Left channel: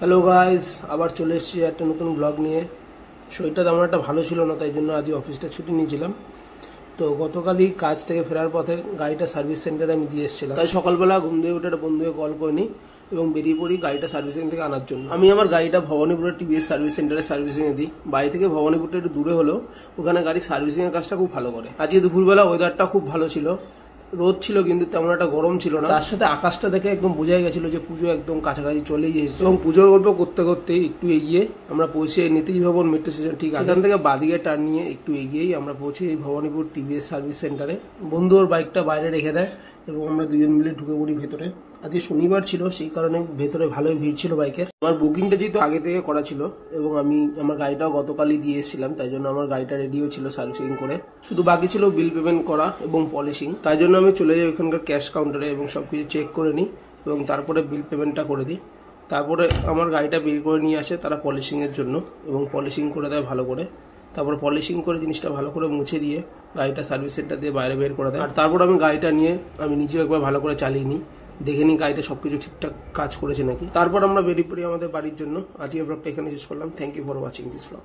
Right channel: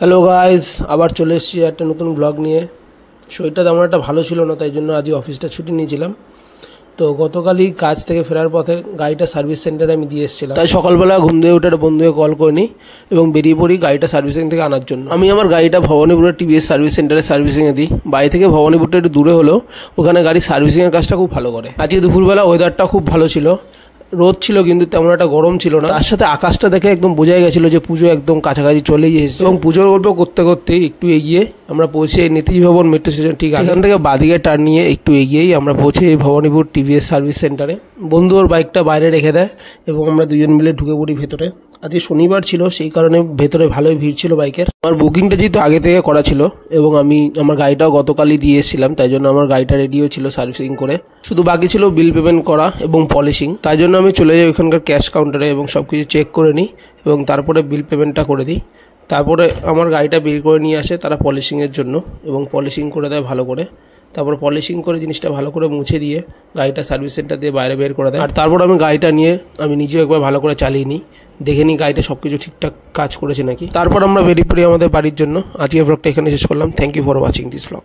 Hello guys, আবার চলে এসেছি একটা নতুন ব্লগ নিয়ে। শরীরটা তেমন একটা ভালো ছিল না, তাই জন্য আজকে অফিসটা ছুটি নিয়েছিলাম। তো গতকালই কাজ থেকে ফেরার পথে গাড়িটা সার্ভিস সেন্টারে আমি দিয়ে এসেছিলাম। তাই সকালবেলা ঘুম থেকে উঠে একটা বন্ধুকে কল করে নিই এবং বেরিয়ে পড়ি গাড়িটা সার্ভিসিং থেকে আনার জন্য। আমি আমার গাড়িটা ভবানীপুরের টিভিএস সার্ভিস সেন্টারে সার্ভিসিংয়ে দিই। বাড়ি থেকে ভবানীপুরটা একটু দূরে হলেও ওখানে গাড়ি সার্ভিসিংয়ের কাজটা খুব ভালো করে। আজকে দুপুরবেলা ওয়েদারটা খুব ভালো ছিল, রোদ ছিল কিন্তু তেমন একটা গরম ছিল না। তার সাথে আকাশটা দেখে একদম বোঝাই গেছিল যে পুজো একদম কাছাকাছি চলেই এসেছে। এবং পুজোর গল্প করতে করতে একটু এগিয়ে আমরা পৌঁছে নেতাজি ভবন মেট্রো স্টেশন ঠিক এখান থেকে বাদিকে টার্ন নিয়ে একটু এগিয়েই আমরা পৌঁছে ভবানীপুর টিভিএস সার্ভিস সেন্টারে। বন্ধু ওর বাইকটা বাইরে রেখে দেয় এবং আমরা দুজন মিলে ঢুকে পড়ি ভেতরে। আজকে শনিবার ছিল, সেই কারণে ভেতরে ভালোই ভিড় ছিল বাইকের। আমার বুকিংটা যেহেতু আগে থেকে করা ছিল এবং আমি আমার গাড়িটাও গতকালই দিয়ে এসেছিলাম, তাই জন্য আমার গাড়িটা রেডিও ছিল সার্ভিসিং করে। শুধু বাকি ছিল বিল পেমেন্ট করা এবং পলিশিং। তাই জন্য আমি চলে যাই ওখানকার ক্যাশ কাউন্টারে এবং সব কিছু চেক করে নিই এবং তারপরে বিল পেমেন্টটা করে দিই। তারপরে আমার গাড়িটা বের করে নিয়ে আসে তারা পলিশিংয়ের জন্য এবং পলিশিং করে দেয় ভালো করে। তারপর পলিশিং করে জিনিসটা ভালো করে মুছে দিয়ে গাড়িটা সার্ভিস সেন্টার দিয়ে বাইরে বের করে দেয়। আর তারপর আমি গাড়িটা নিয়ে আমি নিজেও একবার ভালো করে চালিয়ে নিই, দেখে নিই গাড়িটা সব কিছু ঠিকঠাক কাজ করেছে নাকি। তারপর আমরা বেরিয়ে পড়ি আমাদের বাড়ির জন্য। আজকের ব্লগটা এখানে শেষ করলাম। Thank you for watching this blog.